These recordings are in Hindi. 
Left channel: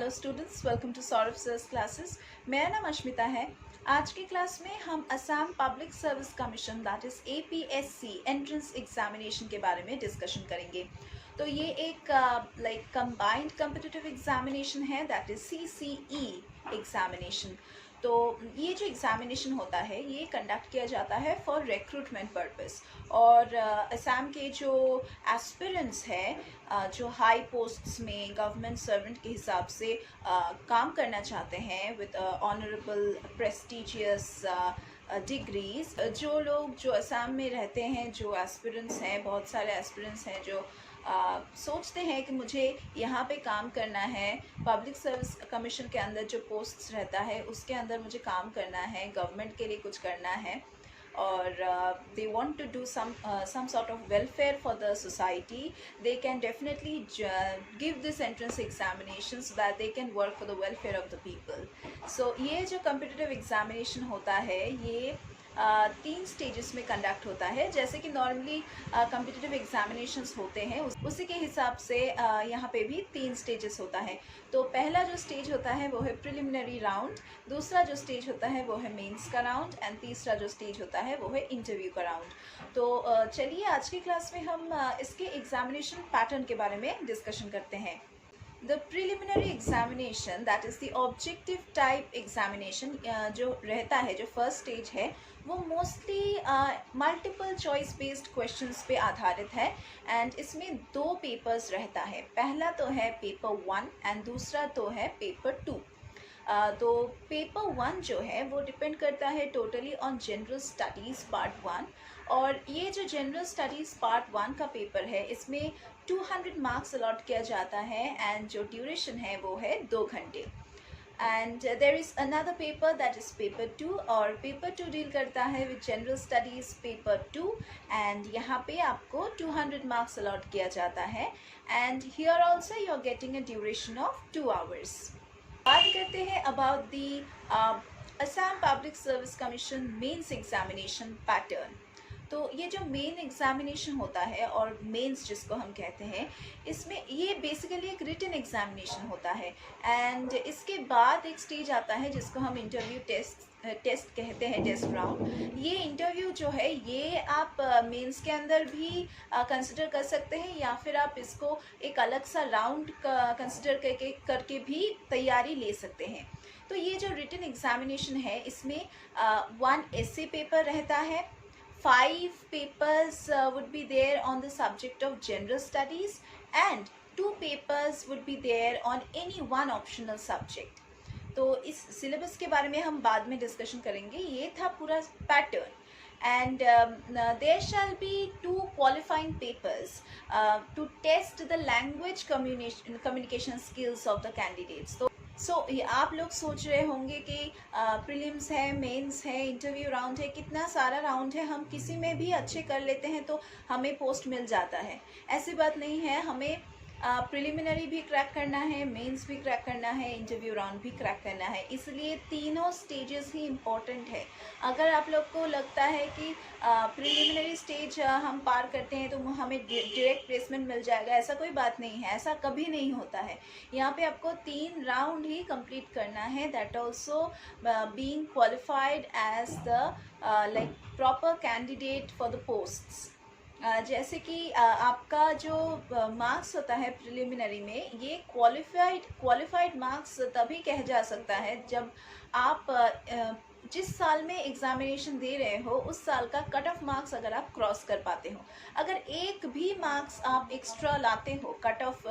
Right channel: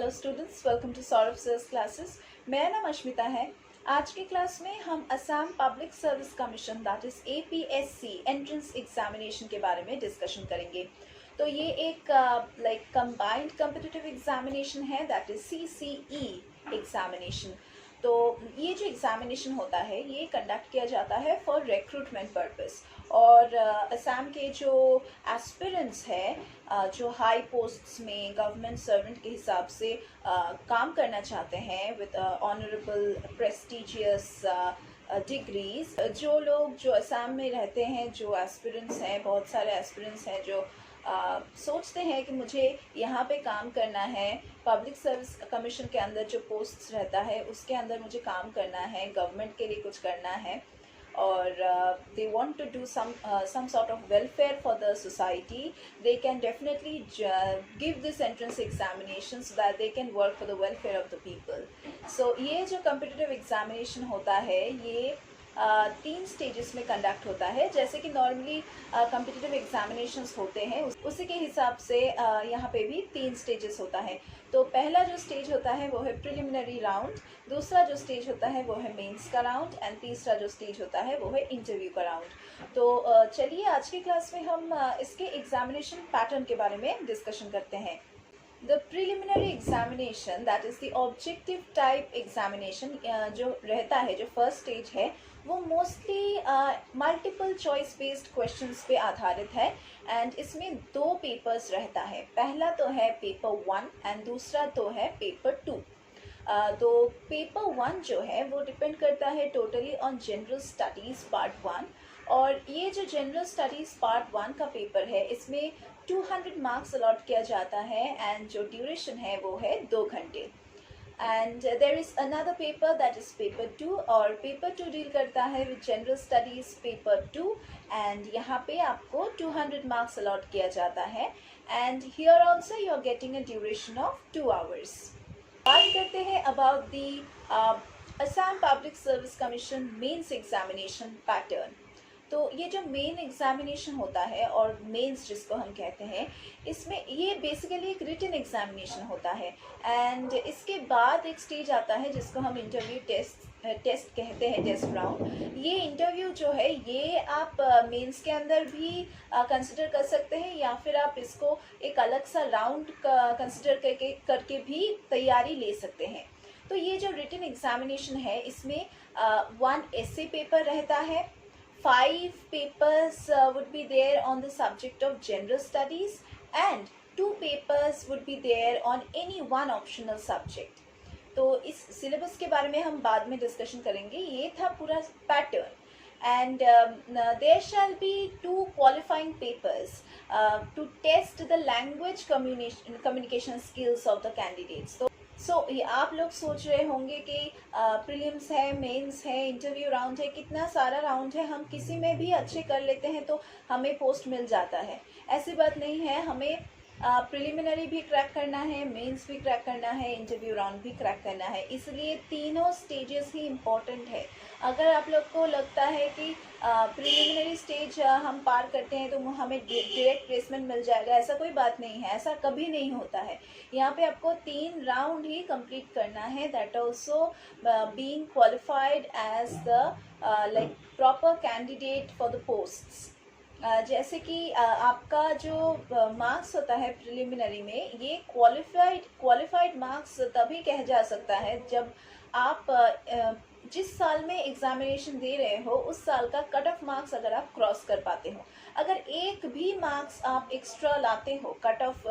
Hello students, welcome to Saurabh sir's classes. मेरा नाम अश्मिता है। आज की क्लास में हम Assam public service commission that is APSC entrance examination के बारे में डिस्कशन करेंगे। तो ये एक कंबाइंड कम्पिटिटिव एग्जामिनेशन है दैट इज़ CCE एग्जामिनेशन। तो ये जो एग्जामिनेशन होता है ये कंडक्ट किया जाता है फॉर रिक्रूटमेंट पर्पस। और असम के जो एस्पिरेंट्स हैं जो हाई पोस्ट्स में गवर्नमेंट सर्वेंट के हिसाब से काम करना चाहते हैं विद ऑनरेबल प्रेस्टिजियस डिग्रीज, जो लोग जो असम में रहते हैं, जो एस्पिरेंट्स हैं, बहुत सारे एस्पिरेंट्स हैं जो सोचते हैं कि मुझे यहाँ पे काम करना है, पब्लिक सर्विस कमीशन के अंदर जो पोस्ट्स रहता है उसके अंदर मुझे काम करना है, गवर्नमेंट के लिए कुछ करना है और they want to do some sort of welfare for the society. They can definitely give this entrance examination so that they can work for the welfare of the people. So ये जो competitive examination होता है ये 3 स्टेजेस में कंडक्ट होता है। जैसे कि नॉर्मली कम्पिटिटिव एग्जामिनेशंस होते हैं उसी के हिसाब से यहाँ पे भी 3 स्टेजेस होता है। तो पहला जो स्टेज होता है वो है प्रिलिमिनरी राउंड, दूसरा जो स्टेज होता है वो है मेंस का राउंड एंड तीसरा जो स्टेज होता है वो है इंटरव्यू का राउंड। तो चलिए आज की क्लास में हम इसके एग्जामिनेशन पैटर्न के बारे में डिस्कशन करते हैं। The preliminary examination that is the objective type examination जो रहता है, जो फर्स्ट स्टेज है वो mostly multiple choice based questions पे आधारित है एंड इसमें 2 पेपर्स रहता है। पहला तो है पेपर 1 एंड दूसरा तो है पेपर 2। तो पेपर 1 जो है वो डिपेंड करता है totally on general studies part 1। और ये जो जनरल स्टडीज़ पार्ट 1 का पेपर है इसमें 200 मार्क्स अलॉट किया जाता है एंड जो ड्यूरेशन है वो है 2 घंटे। And there is another paper that is paper 2 और पेपर 2 डील करता है with general studies paper 2 and यहाँ पे आपको 200 मार्क्स अलॉट किया जाता है and here also you are getting a duration of 2 hours. बात करते हैं about the Assam public service commission mains examination pattern. तो ये जो मेन एग्जामिनेशन होता है और मेंस जिसको हम कहते हैं, इसमें ये बेसिकली एक रिटन एग्जामिनेशन होता है एंड इसके बाद एक स्टेज आता है जिसको हम इंटरव्यू टेस्ट कहते हैं, टेस्ट राउंड। ये इंटरव्यू जो है ये आप मेंस के अंदर भी कंसिडर कर सकते हैं या फिर आप इसको एक अलग सा राउंड कंसिडर करके भी तैयारी ले सकते हैं। तो ये जो रिटन एग्जामिनेशन है इसमें 1 essay पेपर रहता है, 5 papers would be there on the subject of general studies and 2 papers would be there on any one optional subject. तो इस सिलेबस के बारे में हम बाद में डिस्कशन करेंगे। ये था पूरा pattern and there shall be 2 qualifying papers to test the language communication skills of the candidates. सो आप लोग सोच रहे होंगे कि प्रीलिम्स है, मेंस है, इंटरव्यू राउंड है, कितना सारा राउंड है, हम किसी में भी अच्छे कर लेते हैं तो हमें पोस्ट मिल जाता है। ऐसी बात नहीं है, हमें प्रिलिमिनरी भी क्रैक करना है, मेंस भी क्रैक करना है, इंटरव्यू राउंड भी क्रैक करना है। इसलिए तीनों स्टेजेस ही इम्पॉर्टेंट है। अगर आप लोग को लगता है कि प्रिलिमिनरी स्टेज हम पार करते हैं तो हमें डायरेक्ट प्लेसमेंट मिल जाएगा, ऐसा कोई बात नहीं है, ऐसा कभी नहीं होता है। यहाँ पे आपको 3 राउंड ही कंप्लीट करना है, that also being qualified as the proper candidate for the posts. जैसे कि आपका जो मार्क्स होता है प्रिलिमिनरी में, ये क्वालिफाइड मार्क्स तभी कहा जा सकता है जब आप जिस साल में एग्जामिनेशन दे रहे हो उस साल का कट ऑफ मार्क्स अगर आप क्रॉस कर पाते हो। अगर एक भी मार्क्स आप एक्स्ट्रा लाते हो, कट ऑफ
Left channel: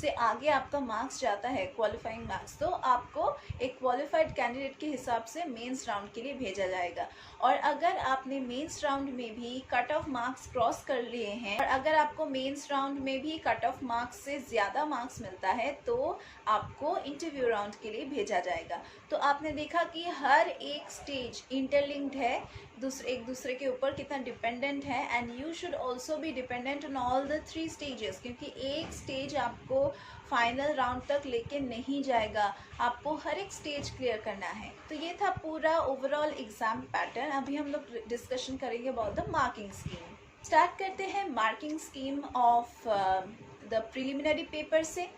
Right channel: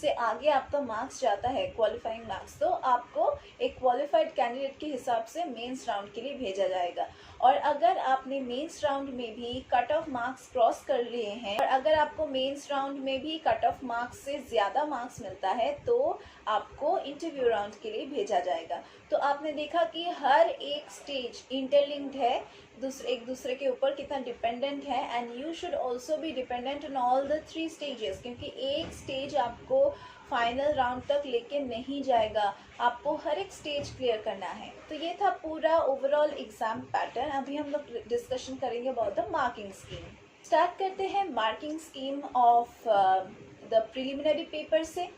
से आगे आपका मार्क्स जाता है क्वालिफाइंग मार्क्स, तो आपको एक क्वालिफाइड कैंडिडेट के हिसाब से मेंस राउंड के लिए भेजा जाएगा। और अगर आपने मेंस राउंड में भी कट ऑफ मार्क्स क्रॉस कर लिए हैं और अगर आपको मेंस राउंड में भी कट ऑफ मार्क्स से ज़्यादा मार्क्स मिलता है तो आपको इंटरव्यू राउंड के लिए भेजा जाएगा। तो आपने देखा कि हर एक स्टेज इंटरलिंक्ड है, एक दूसरे के ऊपर कितना डिपेंडेंट है and you should also be dependent on all the 3 stages, क्योंकि एक स्टेज आपको फाइनल राउंड तक लेके नहीं जाएगा, आपको हर एक स्टेज क्लियर करना है। तो ये था पूरा ओवरऑल एग्जाम पैटर्न। अभी हम लोग डिस्कशन करेंगे about the marking scheme. Start करते हैं marking scheme of the preliminary paper से।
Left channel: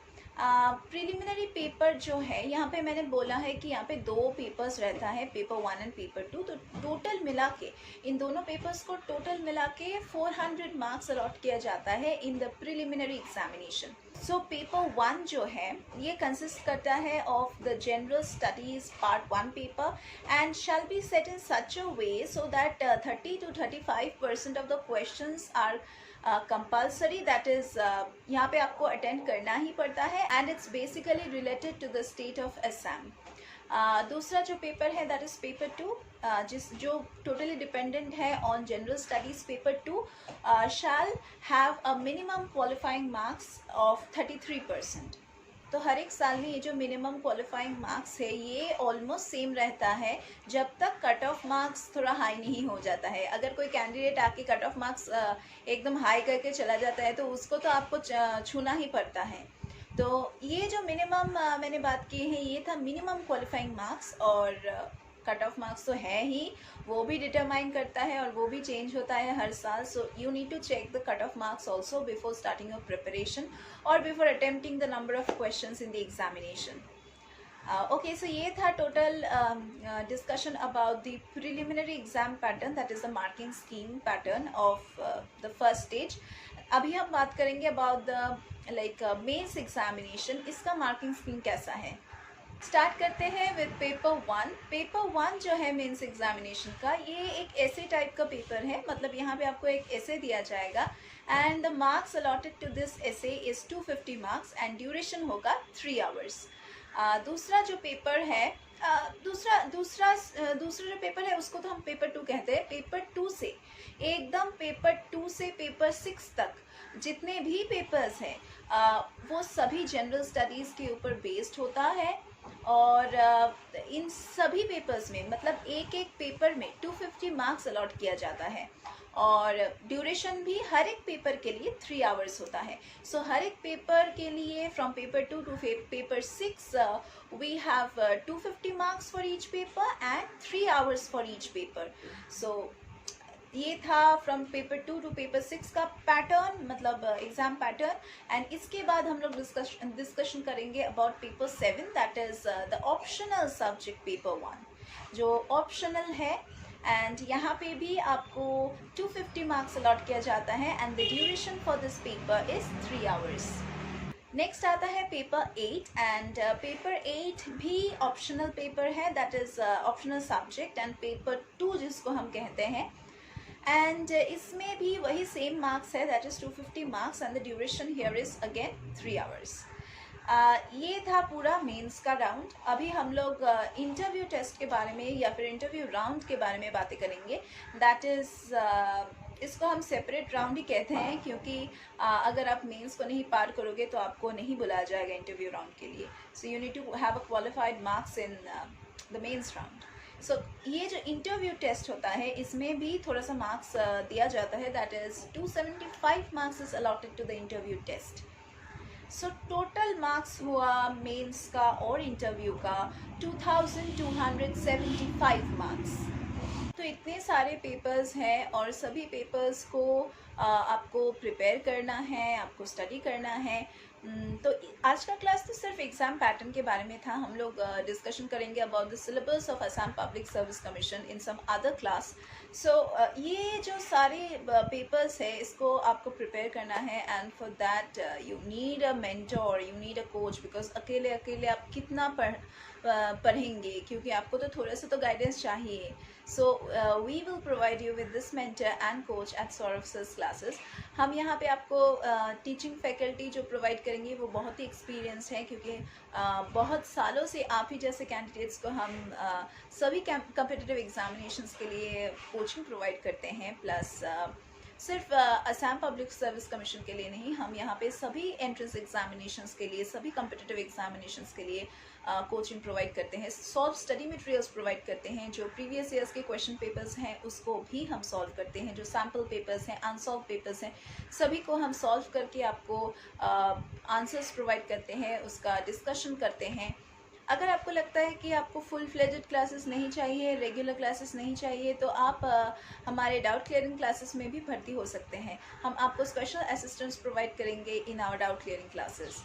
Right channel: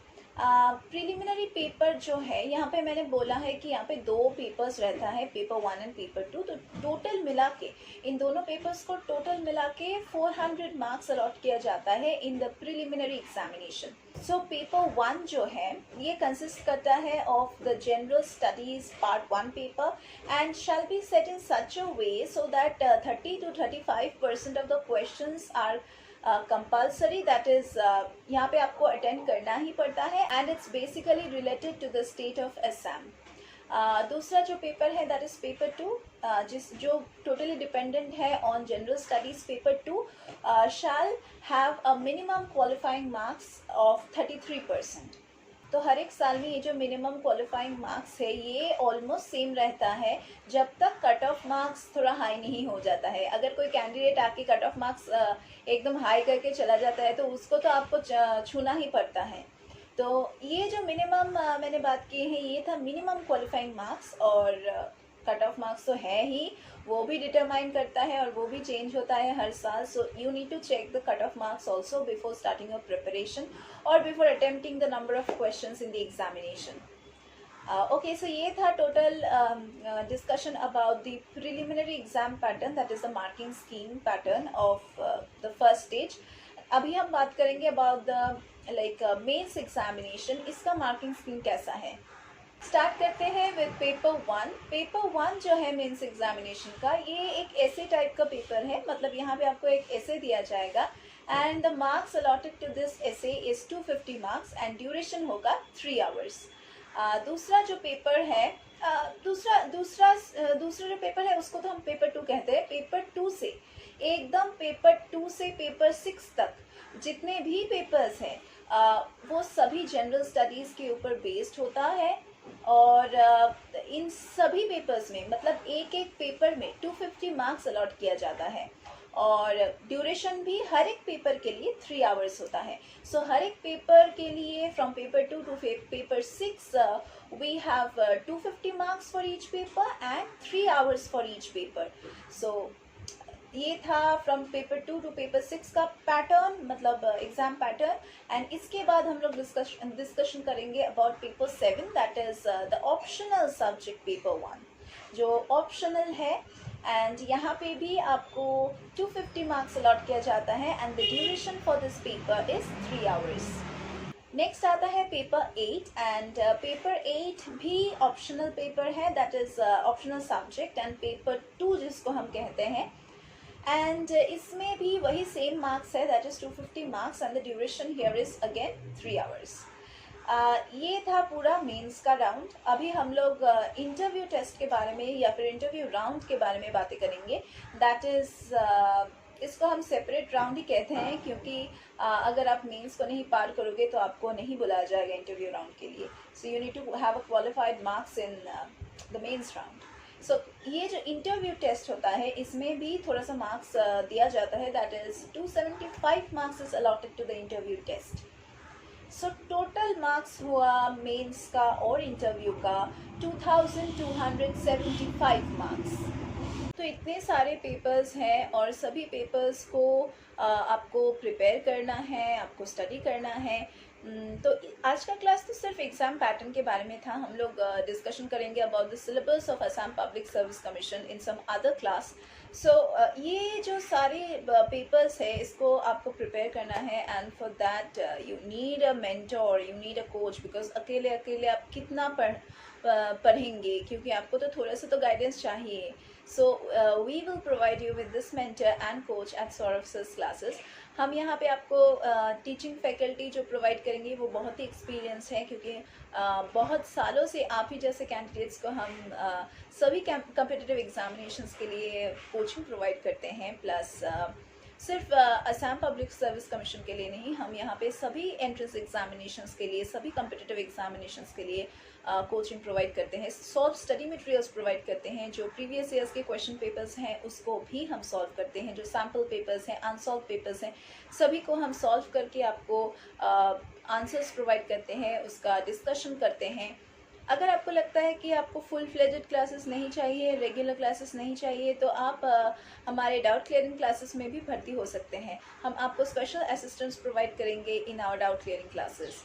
प्रिलिमिनरी पेपर जो है, यहाँ पे मैंने बोला है कि यहाँ पे 2 पेपर्स रहता है, पेपर 1 एंड पेपर 2। तो टोटल मिला के इन दोनों पेपर्स को टोटल मिला के 400 मार्क्स अलॉट किया जाता है in the preliminary examination. So paper 1 जो है ये कंसिस्ट करता है of the general studies part 1 paper and shall be set in such a way so that 30 to 35% of the questions are compulsory, that is यहाँ पे आपको अटेंड करना ही पड़ता है and it's basically related to the state of Assam. दूसरा जो पेपर है दैट इज पेपर 2, जो टोटली डिपेंडेंट है on general studies. Paper 2 shall have a minimum qualifying marks of 33%। तो हर एक साल में ये जो मिनिमम क्वालिफाइंग मार्क्स है ये ऑलमोस्ट सेम रहता है जब तक कट ऑफ मार्क्स थोड़ा हाई नहीं हो जाता है। अगर कोई कैंडिडेट आके कट ऑफ मार्क्स एकदम हाई करके चला जाता है तो उसको तो आपको छूना ही पड़ता है। तो ये जो मिनिमम मैंने बात की है ये था मिनिमम क्वालिफाइंग मार्क्स, और कट ऑफ मार्क्स तो है ही, वो भी डिटरमाइन करता है और वो भी चेंज होता है हर साल। So you need to check the cut off marks also before starting your preparation और before attempting the number of questions in the examination. Okay, so ये था total discussion about the preliminary exam pattern, that is the marking scheme pattern of the first stage. अभी हम बात करेंगे अबाउट द मेंस एग्जामिनेशन, इसका मार्किंग स्कीम कैसा है। स्टार्ट करते हैं विद पेपर 1। पेपर 1 जो है मेंस एग्जामिनेशन का, ये एक ऐसे टाइप का पेपर है, मतलब यहाँ पे आपको एक ऐसे दिया जाएगा and the marks allotted to this essay is 250 marks and duration होगा 3 आवर्स। दूसरा जो पेपर है दूसरा जो पेपर है उसको तो हम पेपर 2 कहते हैं। पेपर 2 से एकदम पेपर 2 से पेपर 6 तक जितने भी पेपर्स हैं वो सभी जनरल स्टडीज़ के ऊपर बेस्ड होता है और इन सभी पेपर्स में मतलब एक एक पेपर में 250 मार्क्स अलॉट किया जाता है और ड्यूरेशन भी हर एक पेपर के लिए 3 आवर्स होता है। सो हर एक पेपर के लिए from paper 2 two paper 6 we have 250 marks for each paper and 3 hours for each paper. So ये था फ्रॉम पेपर 2 टू पेपर 6 का पैटर्न, मतलब एग्जाम पैटर्न। एंड इसके बाद हम लोग डिस्कशन करेंगे about paper 7, that is the optional subject paper 1 जो ऑप्शनल है एंड यहाँ पे भी आपको 250 मार्क्स अलॉट किया जाता है and the duration for this paper is 3 hours. Next आता है पेपर 8 एंड पेपर 8 भी ऑप्शनल पेपर है, that is optional subject and paper 2 जिसको हम कहते हैं एंड इसमें भी वही सेम मार्क्स है, that is 250 marks and the duration here is again 3 hours. ये था पूरा मेंस का राउंड। अभी हम लोग इंटरव्यू टेस्ट के बारे में या फिर इंटरव्यू राउंड के बारे में बातें करेंगे, दैट इज इसको हम सेपरेट राउंड ही कहते हैं क्योंकि अगर आप मेंस को नहीं पार करोगे तो आपको नहीं बुलाया जाएगा इंटरव्यू राउंड के लिए। So you need to have a qualified marks in the mains round. So ये जो इंटरव्यू टेस्ट होता है इसमें भी थोड़ा सा मार्क्स दिया जाता है, that is 275 marks is allotted to the interview test. So total marks हुआ मेंस का और इंटरव्यू का 2275 मार्क्स। तो इतने सारे पेपर्स हैं और सभी पेपर्स को आपको प्रिपेयर करना है, आपको स्टडी करना है। तो आज का क्लास तो सिर्फ एग्जाम पैटर्न के बारे में था। हम लोग डिस्कशन करेंगे about the syllabus of Assam public service commission in some other class. So ये जो सारे पेपर्स है इसको आपको प्रिपेयर करना है and for that you need a mentor, you need a coach, because अकेले आप कितना पढ़ेंगे, क्योंकि आपको तो थोड़ा सा तो गाइडेंस चाहिए। So we will provide you with this mentor and coach at Saurabh Sir's classes. हम यहाँ पे आपको टीचिंग फैकल्टी जो प्रोवाइड करेंगे वो बहुत ही एक्सपीरियंस है, क्योंकि बहुत सालों से आप ही जैसे कैंडिडेट्स को हम सभी कॉम्पिटिटिव एग्जामिनेशंस के लिए कोचिंग प्रोवाइड करते हैं। प्लस सिर्फ असम पब्लिक सर्विस कमीशन के लिए नहीं, हम यहाँ पे सभी एंट्रेंस एग्जामिनेशंस के लिए, सभी कॉम्पिटिटिव एग्जामिनेशंस के लिए कोचिंग प्रोवाइड करते हैं। सॉल्व स्टडी मटेरियल्स प्रोवाइड करते हैं, जो प्रीवियस ईयर्स के क्वेश्चन पेपर्स हैं उसको भी हम सॉल्व करते हैं, जो सैम्पल पेपर्स हैं, अनसॉल्व पेपर्स हैं, सभी को हम सॉल्व करके आपको आंसर्स प्रोवाइड करते हैं, उसका डिस्कशन करते हैं। अगर आपको लगता है कि आपको फुल फ्लेजेड क्लासेस नहीं चाहिए, रेगुलर क्लासेस नहीं चाहिए, तो आप हमारे डाउट क्लियरिंग क्लासेस में भी भर्ती हो सकते हैं। हम आपको स्पेशल असिस्टेंस प्रोवाइड करेंगे in our doubt clearing classes.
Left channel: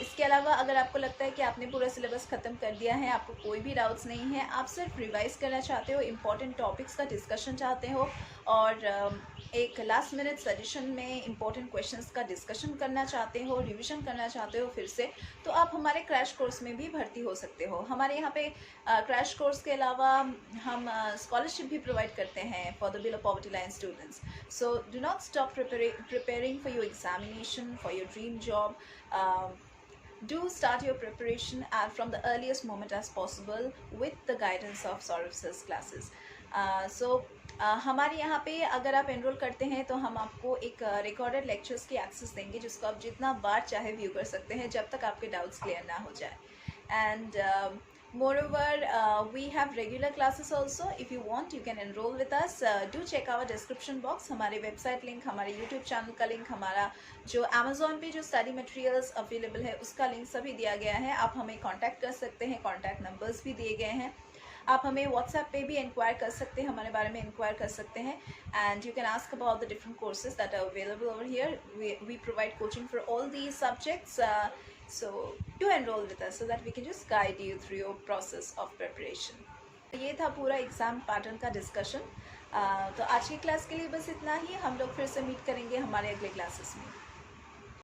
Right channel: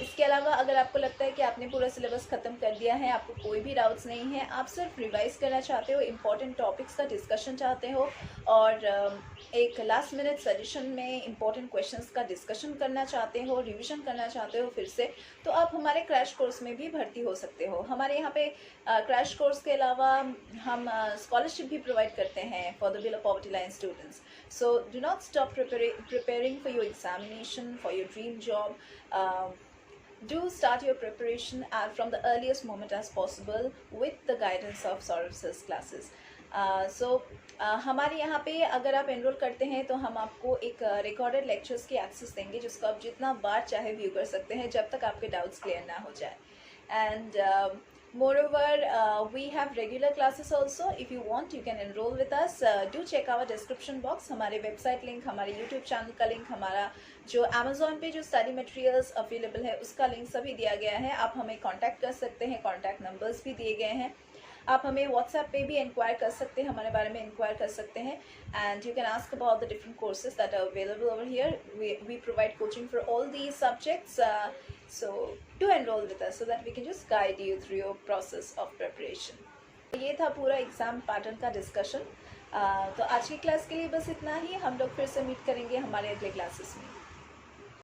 इसके अलावा अगर आपको लगता है कि आपने पूरा सिलेबस ख़त्म कर दिया है, आपको कोई भी डाउट्स नहीं है, आप सिर्फ रिवाइज करना चाहते हो, इम्पॉर्टेंट टॉपिक्स का डिस्कशन चाहते हो और एक लास्ट मिनट सजेशन में इम्पॉर्टेंट क्वेश्चंस का डिस्कशन करना चाहते हो, रिवीजन करना चाहते हो फिर से, तो आप हमारे क्रैश कोर्स में भी भर्ती हो सकते हो। हमारे यहाँ पे क्रैश कोर्स के अलावा हम स्कॉलरशिप भी प्रोवाइड करते हैं for the below poverty line students. So do not stop preparing for your examination, for your dream job. Do start your preparation from the earliest moment as possible with the guidance of Saurav sir's classes. हमारे यहाँ पे अगर आप एनरोल करते हैं तो हम आपको एक रिकॉर्डेड लेक्चर्स की एक्सेस देंगे, जिसको आप जितना बार चाहे व्यू कर सकते हैं जब तक आपके डाउट्स क्लियर ना हो जाए। And moreover, we have regular classes also. If you want, you can enroll with us. Do check our description box. हमारे वेबसाइट लिंक, हमारे यूट्यूब चैनल का लिंक, हमारा जो अमेजोन पे जो स्टडी मटेरियल्स अवेलेबल है उसका लिंक सभी दिया गया है। आप हमें कांटेक्ट कर सकते हैं, कांटेक्ट नंबर्स भी दिए गए हैं। आप हमें व्हाट्सएप पे भी इंक्वायर कर सकते हैं, हमारे बारे में इंक्वायर कर सकते हैं। And you can ask about the different courses that are available over here. We provide coaching for all these subjects. So do enroll with us so that we can just guide you through your process of preparation. ये था पूरा एग्ज़ाम पैटर्न का डिस्कशन। तो आज की क्लास के लिए बस इतना ही। हम लोग फिर से मीट करेंगे हमारे अगले क्लासेस में।